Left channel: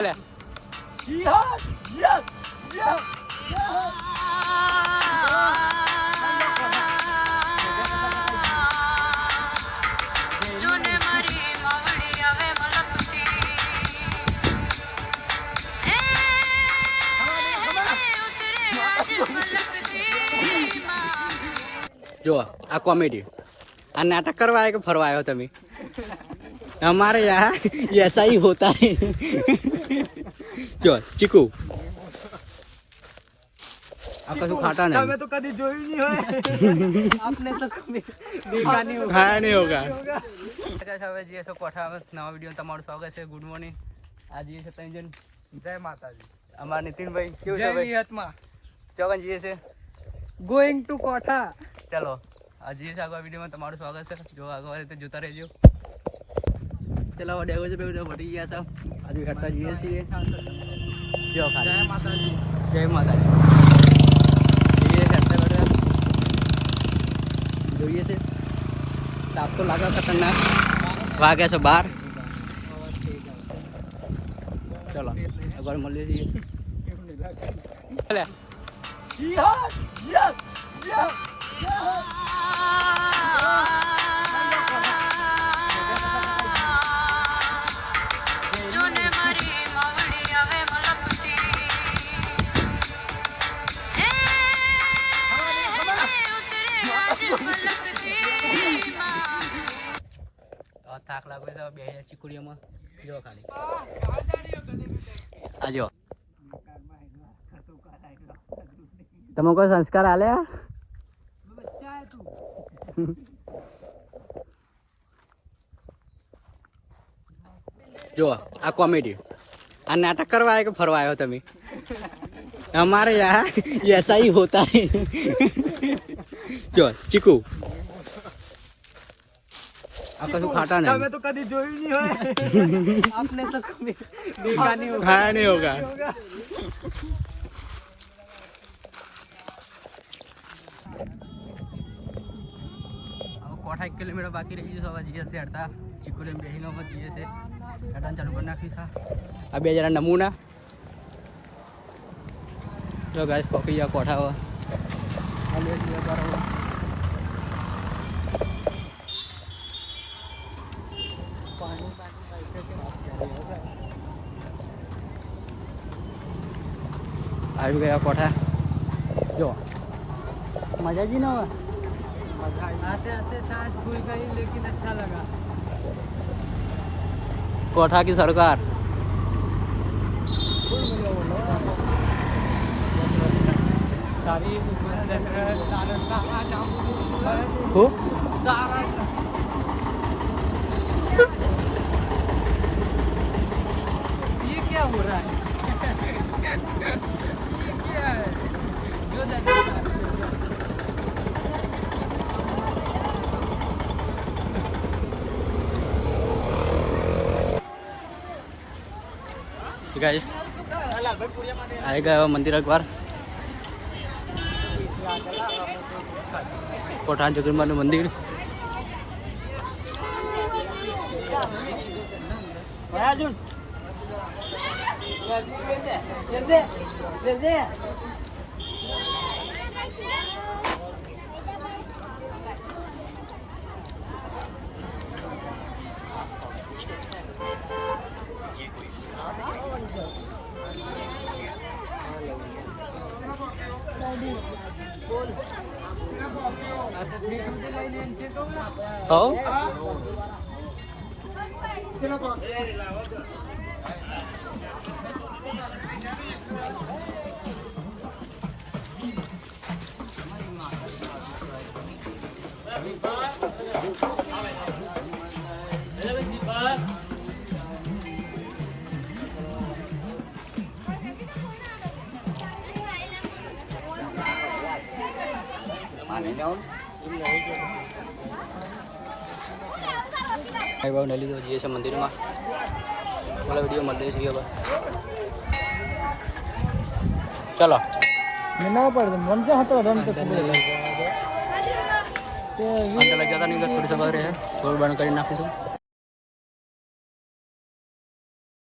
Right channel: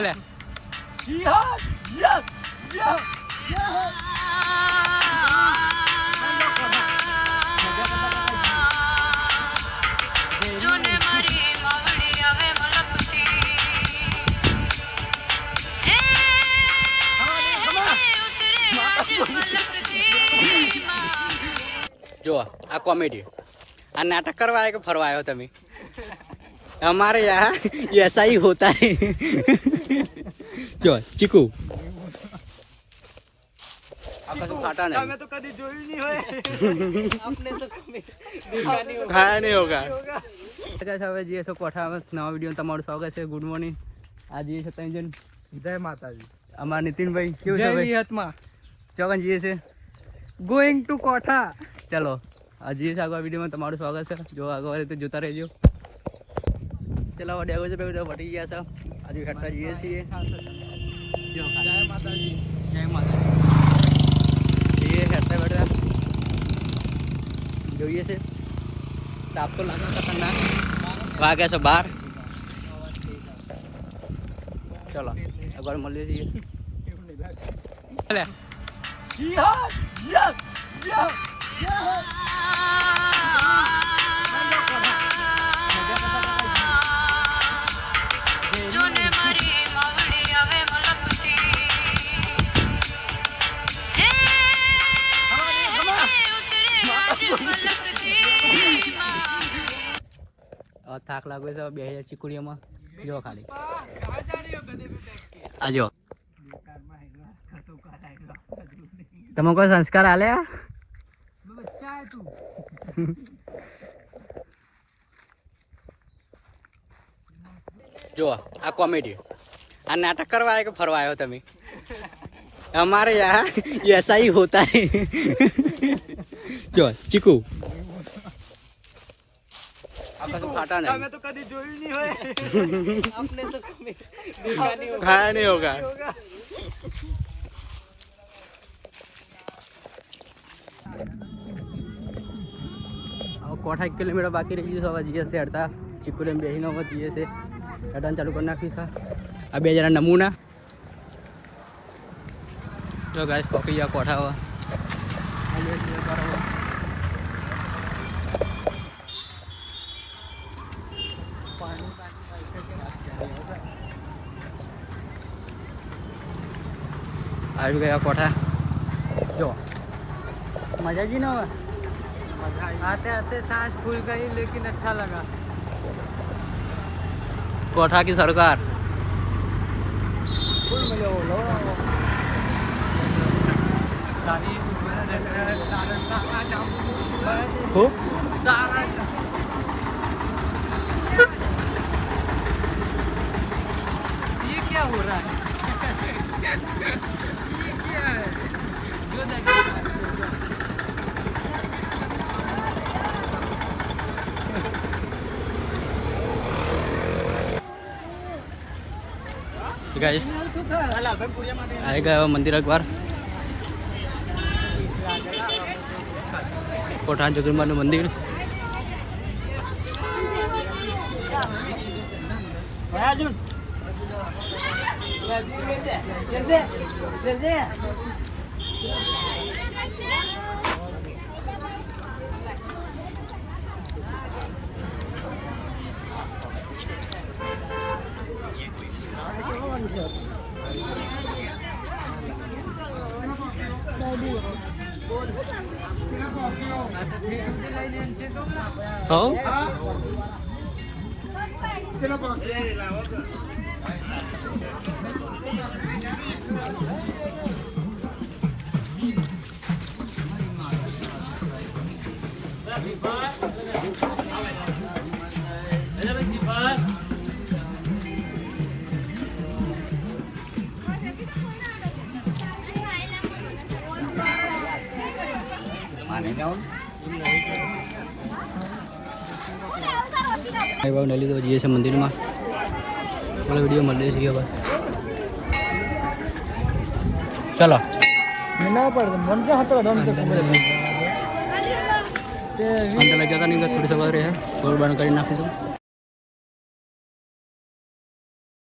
जो आ कॉमेडी आ नाटक करवाए के फरवाए तमी हमारे यहाँ ऐसा ही होता है। जो चीकू खाता नहीं हमें तो कभी जो ही नहीं हो आपने तो देखा नहीं होगा खाया नहीं होगा। कैसे जी ऐसे कोठा में नवा वीडियो તમારું સ્વાગત છે। Good morning. आज ये છે ત્રણ જણ જય માતાજી। અમાર નીતિન ભાઈ કેવું છે ભાઈ હિતમાં ચોગન જીએ છે ગોઈંગ ટુ કોઠા। चलो आज ये આગળ વિડિયોમાં તમારું સ્વાગત છે। જો આગળ રીતે જોતા રહેજો। चलो डेगो से बेगो वटी गया सब आज हटता जीए છીએ। जो जय माताजी जय माताजी ये हटता बैठा જોઈએ છે તાપ તો લાગે છે ઠંડા વાગે છે 12। चलो આગળ મળીએ છીએ। થાક લાગે છે બે ચીકુડીઓમાં જો ખાલી આજો તમે કોઈ સંસ્કાર આલ્યા जो आ कॉमेडी आ नाटक करवाए के फरवाए तमी हमारे यहाँ ऐसा ही होता है। जो चीकू खाता नहीं हमें तो कभी जो ही नहीं हो आपने तो कभी देखा नहीं होगा खाया नहीं होगा। कोठा 1 किलोमीटर बाकी रही है। सवा जीए से हटता चिकुरे में बेही न जीए से हटन चालू कर नाखी सा अब जरा नमूना जो गाइस कॉफी या कोठा हो आज गया कोठा जो मजा जी ना आते आते सांस फूल गई लेकिन अच्छा लगा। कोठा की सरकार हो ये क्या हो रहा है जो गाइस आएगा मंदिर एक बार कोठा जगन्नाथ मंदिर हो भाई बाबू नहीं तो जीए मंदिर में बोला वीडियो मल चाहिए भाई। चलो अंदर लग जाता नहीं थोड़ी सा रहे है थोड़ी बंद कर नाखी सब